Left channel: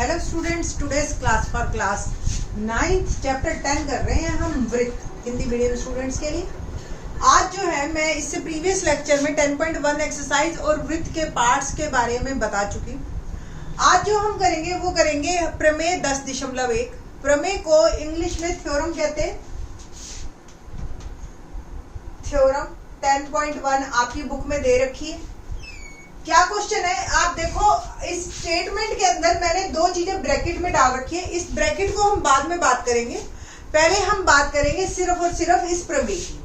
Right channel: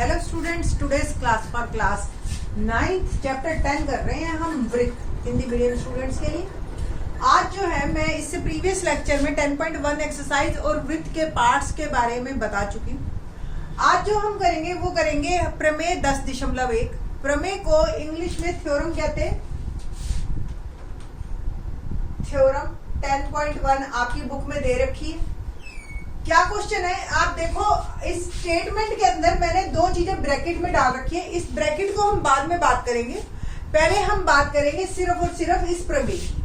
Hello students, today's class for class 9th chapter 10 कर रहे हैं हम वृत्त हिंदी मीडियम स्टूडेंट्स के लिए। आज जो है मैं इससे प्रीवियस लेक्चर में 10.1 एक्सरसाइज और वृत्त के पार्ट्स के बारे में बता चुकी हूँ। आज जो हम करेंगे वो करेंगे प्रमेय 10.1। प्रमेय को इंग्लिश में थ्योरम कहते हैं। थ्योरम 10.1 आपकी बुक में दे रखी है। क्या क्वेश्चन है आप देखो, इस स्टेटमेंट के अंदर मैंने दो चीजें ब्रैकेट में डाल रखी है। इस ब्रैकेट को हम बाद में बात करेंगे, पहले हम बात करेंगे सिर्फ और सिर्फ इस प्रमेय की।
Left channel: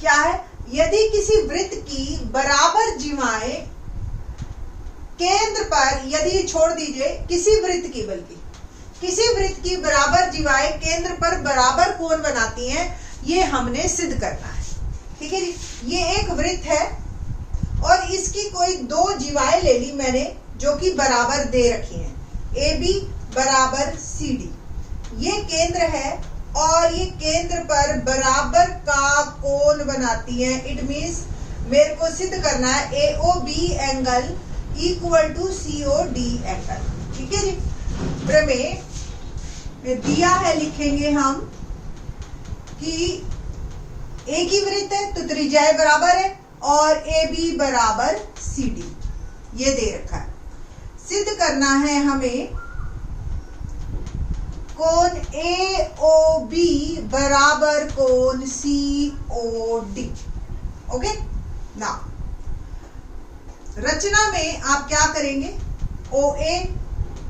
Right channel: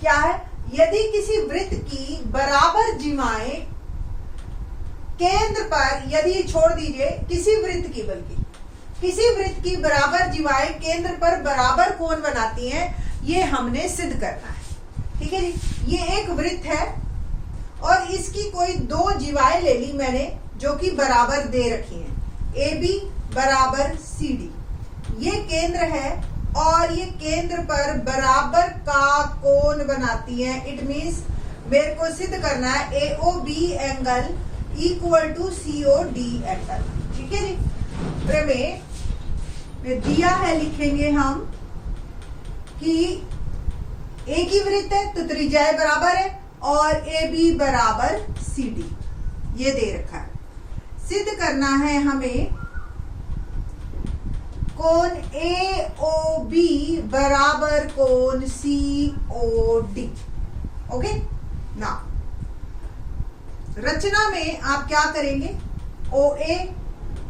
क्या है? यदि किसी वृत्त की बराबर जीवाएं केंद्र पर, यदि छोड़ दीजिए किसी वृत्त की, बल्कि किसी वृत्त की बराबर जीवाएं केंद्र पर बराबर कोण बनाती हैं, ये हमने सिद्ध करना है। ठीक है जी। ये एक वृत्त है और इसकी कोई दो जीवाएं ले ली मैंने जो कि बराबर दे रखी हैं। ए बी बराबर सी डी, ये केंद्र है और ये केंद्र पर बराबर का कोण बनाती हैं। इट मींस मेरे को सिद्ध करना है A O B angle equal to C O D angle. ठीक है जी। प्रमेय में दिया है, लिखेंगे हम कि एक ही वृत्त है तो त्रिज्याएं बराबर है और ए बी बराबर सी डी, ये दे रखा है। सिद्ध करना है हमें कोण ए ओ बी बराबर कोण सी ओ डी। ओके ना, रचना में आप क्या करेंगे? ओ ए,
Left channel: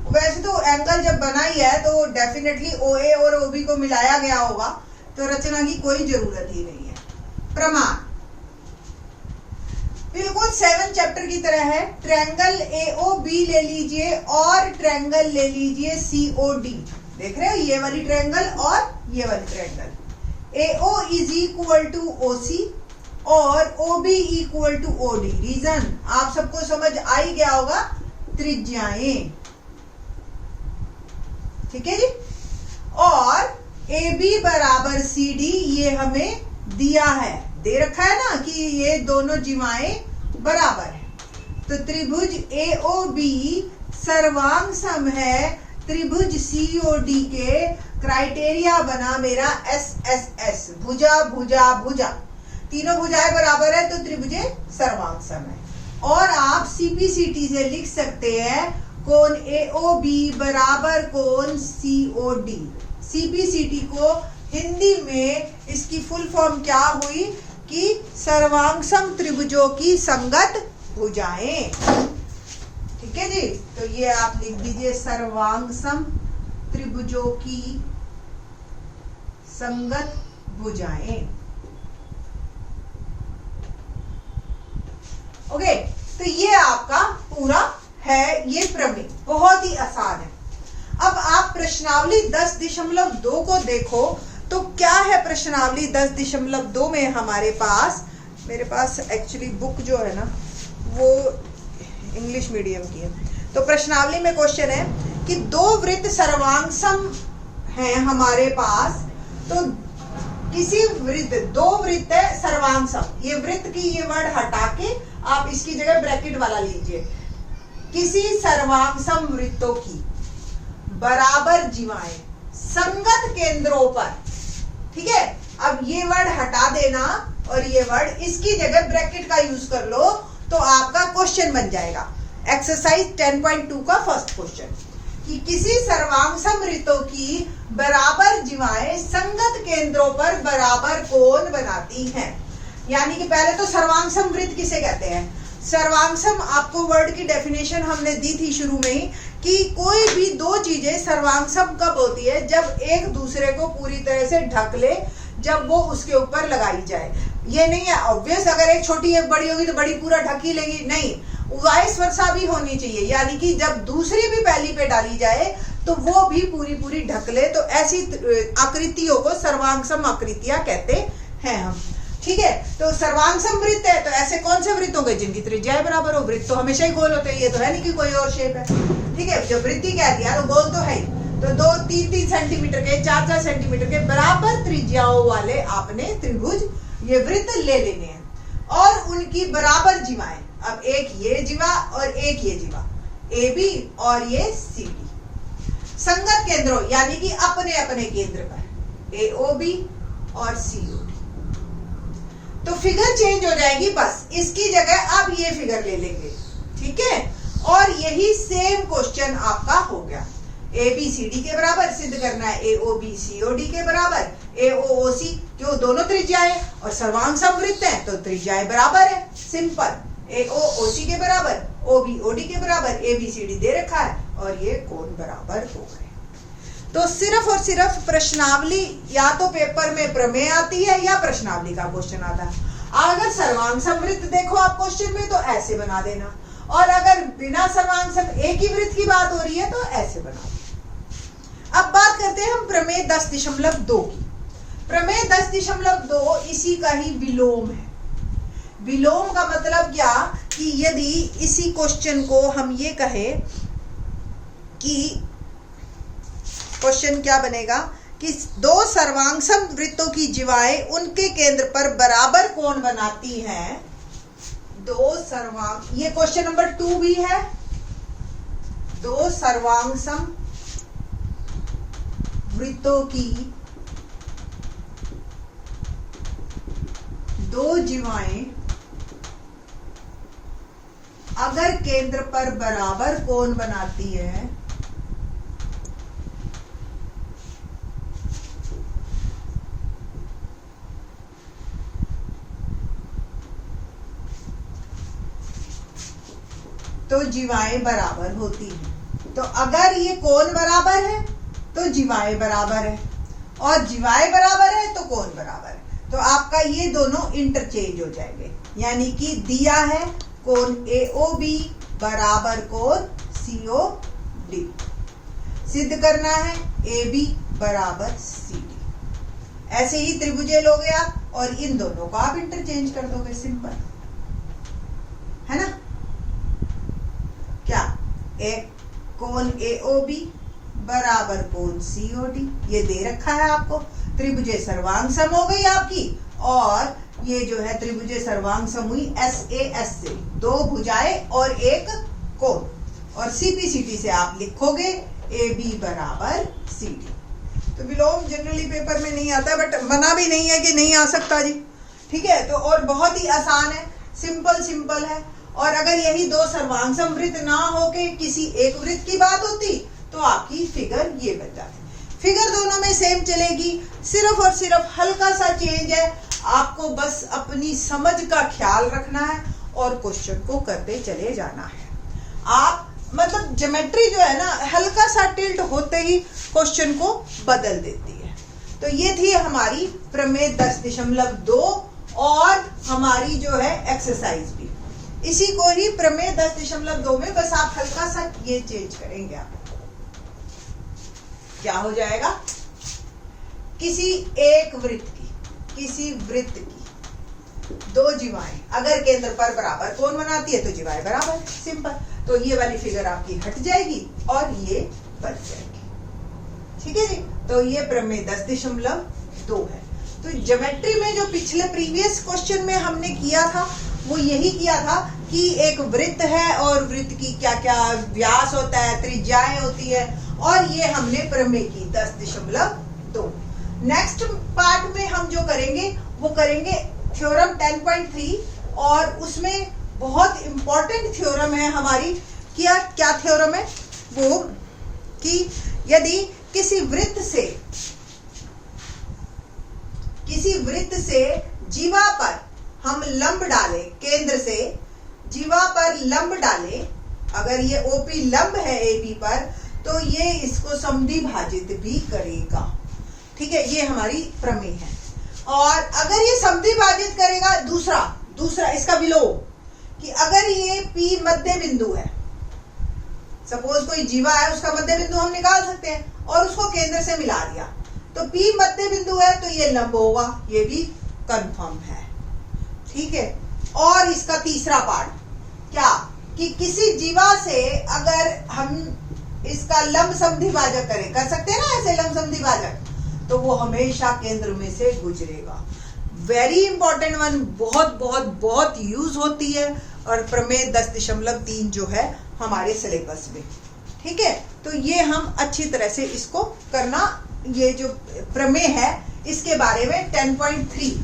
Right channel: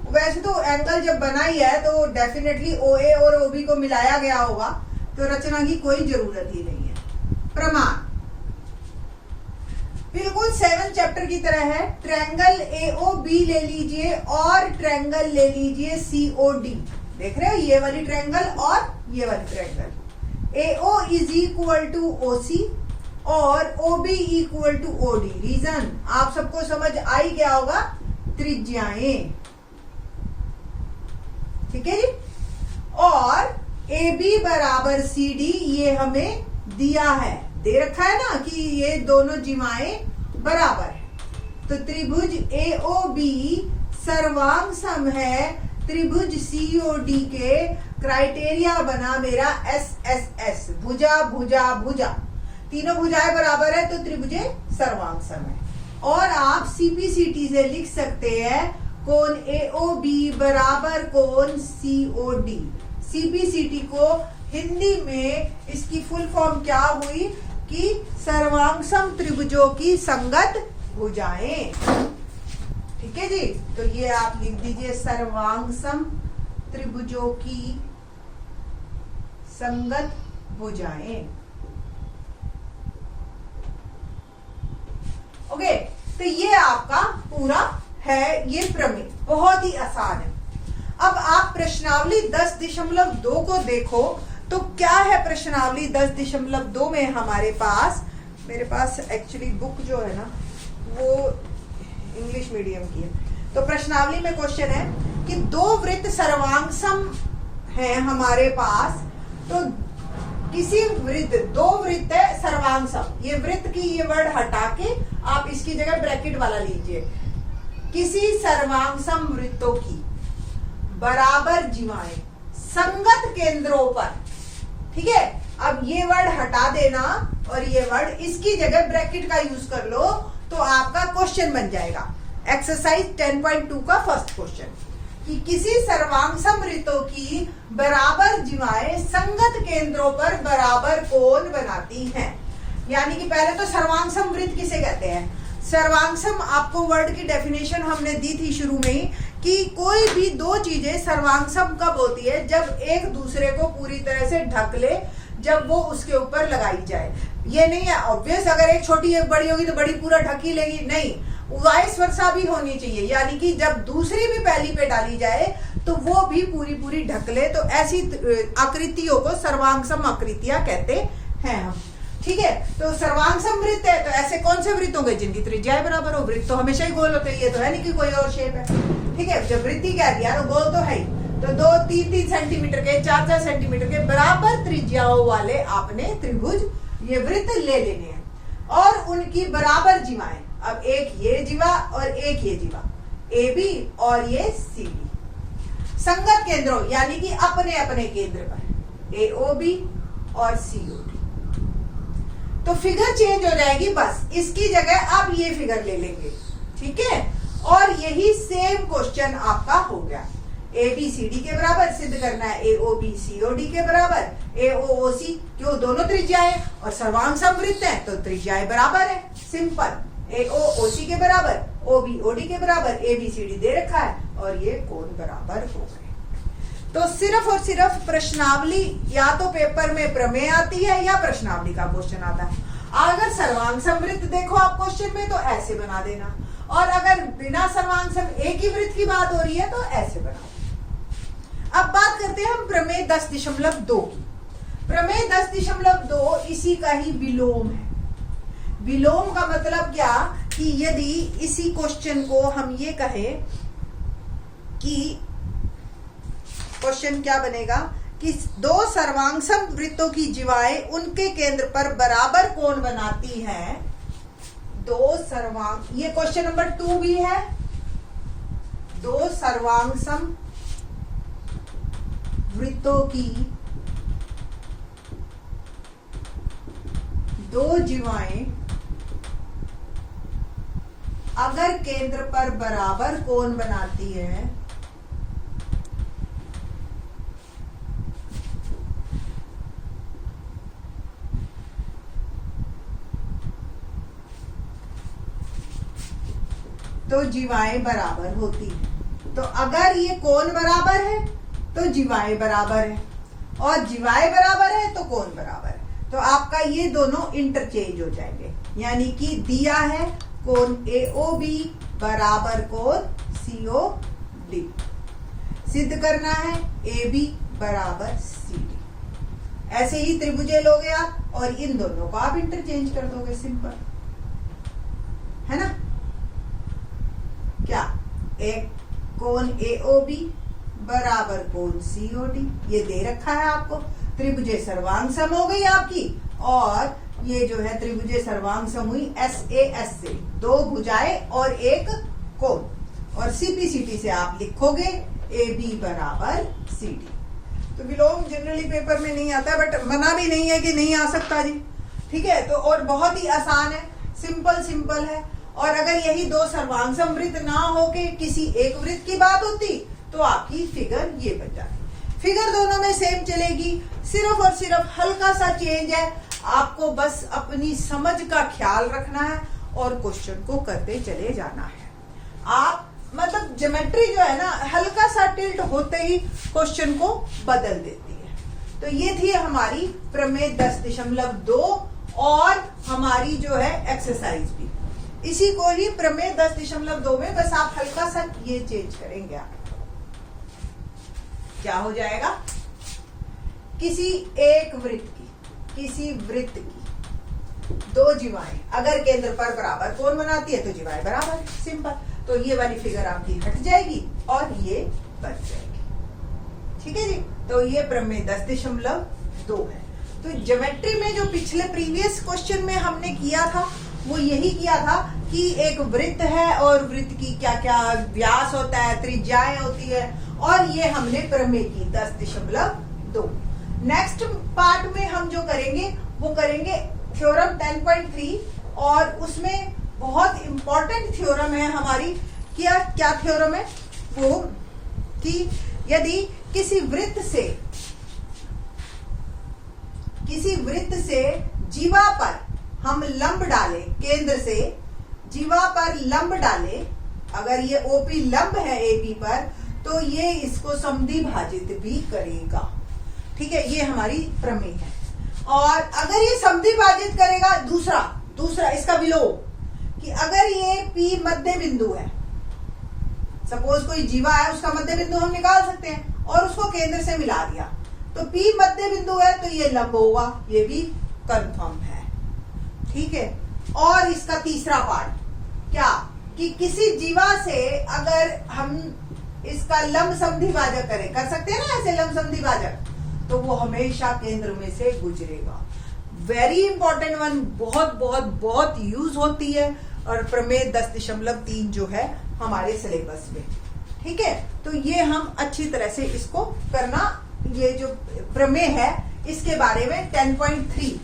वैसे तो एंगल जब बना ही है तो डेफिनेटली ओ ए और ओ बी को मिलाया गया होगा, तो रचना की कोई जरूरत ही नहीं है। प्रमाण बिल्कुल 7 चैप्टर की तरह है। ट्रायंगल AOB ले लीजिए और ट्रायंगल ले लीजिए COD। देख रहे हो, ये वाली ट्रायंगल और ये वाली triangle. AO is equal to OC और OB equal to OD। Reason आप सबको समझ आ ही गया होगा, त्रिज्याएं। ठीक है जी। और AB बराबर CD ये हमें दिया है, दे रखा है ना कि ये दोनों जीवाएं बराबर है। तो त्रिभुज AOB सर्वांग सम है त्रिभुज COD के। क्राइटेरिया बना मेरा SSS, भुजा भुजा भुजा, तीनों भुजाएं बराबर है तो त्रिभुज सर्वांग सम है। और आप CPCT से लिख सकते हैं कोण AOB बराबर कोण COD। CPCT को हिंदी में इसकी फुल फॉर्म क्या हुई कि सर्वांगसम त्रिभुजों की संगत भुजाएं। ठीक है जी। तो ये आप लिख दीजिए, सर्वांगसम त्रिभुजों की संगत भुजाएं। ओके, तो ये आपका पूरा है ये प्रमेय, बहुत ही आसान है। अब आप प्रश्नावली 10.2 को देखो तो क्या है प्रश्नावली 10.2 में हमारे पास, मेरे पास एक्चुअली बुक जो है ना वो इंग्लिश मीडियम की है। तो प्रश्नावली में क्वेश्चन है कि दो वृत्त सर्वांगसम हैं हमारे पास। तो किसी वृत्त, दो वृत्त है सर्वांगसम, ये वृत्त की ये वर्ड हटा के आप इसकी जगह ब्रैकेट वाला लीजिए। किसी सर्वांगसम वृत्तों की बराबर जीवाएं संगत केंद्रों पर। ठीक है, अब ये वर्ड हटा देना और ये वर्ड इसकी जगह ब्रैकेट का यूज कर लो तो आपका क्वेश्चन बन जाएगा। एक्सरसाइज 10.2 का फर्स्ट क्वेश्चन कि किसी सर्वांगसम वृत्तों की बराबर जीवाएं संगत केंद्रों पर बराबर कोण बनाती हैं। यानी कि पहले तो सर्वांगसम वृत्त किसे कहते हैं? सर्वांगसम आपको वर्ड की डेफिनेशन हमने दी थी शुरू में ही कि कोई भी दो चीजें सर्वांगसम कब होती है? जब एक दूसरे को पूरी तरह से ढक ले, जब वो उसके ऊपर लगाई जाए। ये नहीं है ऑब्वियस, अगर एक छोटी एक बड़ी होगी तो बड़ी पूरा ढक ही लेगी, नहीं, वाइस वर्सा भी होनी चाहिए। यानी कि जब दूसरी भी पहली पे डाली जाए तो वो भी पूरी पूरी ढक ले। तो ऐसी आकृतियों को सर्वांगसम आकृतियां कहते हैं हम। ठीक है, तो सर्वांगसम वृत्त है तो ऐसे कौन से वृत्त होंगे जिनकी त्रिज्याएं बराबर हो? वृत्त तो हमेशा ही गोल होते हैं, ये तो है नहीं कि कोई और शेप है। ठीक है, जब वृत्ति कह दिया तो गोल तो है ही। तो 2-3 सेंटीमीटर के, 4-4 सेंटीमीटर के बराबर त्रिज्याओं वाले आपने त्रिभुज ये वृत्त ले लेने हैं और उनकी बराबर जीवाएं। अब एक ये जीवा और एक ये जीवा, AB और ये CD। संगत केंद्रों यानी कि अपने अपने केंद्र पर AOB और COD। तो फिगर चेंज हो जाएगी, बस इसकी जगह अब ये फिगर ले लेंगे, ठीक है। और यही सेम क्वेश्चन आपका हो गया। ABCD के बराबर सिद्ध करना है AOB COD के बराबर, AOOC क्यों, दोनों त्रिज्याएं और सर्वांग समवृत्त है तो त्रिज्याएं बराबर है, सिंपल। AOOC के बराबर, OB OD के बराबर, ABCD दे रखा है और ये कोण बराबर हो गए। तो सिर्फ और सिर्फ प्रश्नावली या तो पेपर में प्रमेय आती है या प्रश्नावली का क्वेश्चन आता है। अगर सर्वांग समवृत्त देखो आप क्वेश्चन में तो ऐसे बना देना, और अगर बिना सर्वांग सम एक ही वृत्त की बात हो रही है तो ऐसे बना देना। अब बात करते हैं हम प्रमेय 10.2 की। प्रमेय 10.2 इसी का ही विलोम है। विलोम का मतलब क्या कि यदि इसी क्वेश्चन को हम ये कहें कि क्वेश्चन क्या बनेगा कि दो सर्वांगसम वृत्तों की जीवाएं उनके केंद्र पर बराबर कोण बनाती हैं। दो सर्वांग, ये क्वेश्चन नंबर 2 भी है। दो सर्वांगसम वृत्तों की दो जीवाएं अगर केंद्र पर बराबर कोण बनाती है तो जीवाएं बराबर होती हैं। तो अगर ये कोण बराबर है तो जीवाएं बराबर है, और जीवाएं बराबर है तो कोण बराबर है। तो आपका ये दोनों इंटरचेंज हो जाएंगे, यानी कि दिया है कोण AOB बराबर कोण COD, सिद्ध करना है AB बराबर CD। ऐसे ही त्रिभुजे लोगे आप और इन दोनों को आप इंटरचेंज कर दोगे, सिंपल है ना। क्या, एक कोण AOB बराबर कोण COD, ये दे रखा है आपको। त्रिभुजे सर्वांग सम हो गई आपकी, और ये जो है त्रिभुजे सर्वांग सम हुई SAS से, दो भुजाएं और एक कोण, और CPCT से आप लिखोगे AB बराबर CD। तो विलोम जनरली पेपर में नहीं आता, बट मना भी नहीं है कि नहीं आ सकता जी, ठीक है। तो और बहुत ही आसान है, सिंपल है। और अगर यही दो सर्वांगसम वृत्त ना होके किसी एक वृत्त की बात होती तो आपकी फिगर ये बन जाती। फिगर दोनों में सेम चलेगी, सिर्फ और सिर्फ हल्का सा चेंज है। आपको बस अपनी समझ का ख्याल रखना है और क्वेश्चन को करते चले जाना है। आप मतलब ज्योमेट्री जो है ना, हल्का सा टिल्ट होते ही क्वेश्चन को बदल देती है। तो ये थी हमारी प्रमेय 10.2 और हमारी जो है एक्सरसाइज भी इसी को ही प्रमेय 10.2 में बस आप हल्का सा ये चेंज करेंगे। आप क्या हो जाएगा, किसी एक वृत्त की दो जीवाएं अगर केंद्र पर बराबर कोण बनाती है तो जीवाएं बराबर, सिंपल। तो ये वाली फिगर आपकी हट जाएगी और ये बच जाएगी, ठीक है जी। तो ये प्रमेय 10.2 है। तो ज्योमेट्री में जो पिछले प्रीवियस क्वेश्चन में हमने किया था वो यही किया था कि एक वृत्त है और वृत्त की क्या क्या व्यास होता है, त्रिज्याएं होती है, और ये हमने प्रमेय की 10.2। नेक्स्ट पार्ट में हम जो करेंगे वो करेंगे थ्योरम 10.3, और उसमें बहुत इंपॉर्टेंट थ्योरम है हमारी। क्या थ्योरम है वो, कि यदि किसी वृत्त से जीवा पर हम लंब डालें, केंद्र से जीवा पर लंब डालें, अगर ये OP लंब है AB पर तो ये इसको समद्विभाजित भी करेगा, ठीक है। ये हमारी प्रमेय है। और अगर ये समद्विभाजित करेगा, दूसरा इसका विलोम, कि अगर ये P मध्य बिंदु है, सपोज कोई जीवा है उसका मध्य बिंदु हम निकाल सकते हैं और उसको केंद्र से मिला दिया, तो P मध्य बिंदु है तो ये लंब होगा, ये भी कंफर्म है, ठीक है। और इसका तीसरा पार्ट क्या, कि किसी जीवा से अगर हम इसका लंब समद्विभाजक करें, कर सकते हैं ना ऐसे लंब समद्विभाजक, तो वो हमेशा केंद्र में से गुजरेगा। वेरी इंपॉर्टेंट वन, बहुत बहुत बहुत यूज होती है, और प्रमेय 10.3 जो है हमारे सिलेबस में, ठीक है, तो ये हम अच्छी तरह से इसको करना, ये जो प्रमेय है इसके बारे में 10.3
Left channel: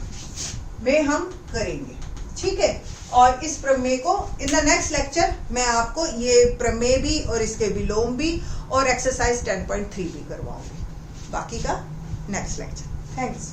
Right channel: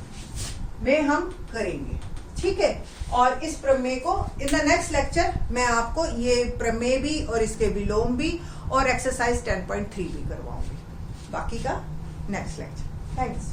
में हम करेंगे, ठीक है। और इस प्रमेय को इन द नेक्स्ट लेक्चर मैं आपको ये प्रमेय भी और इसके विलोम भी और एक्सरसाइज 10.3 भी करवाऊंगी, बाकी का नेक्स्ट लेक्चर। थैंक्स।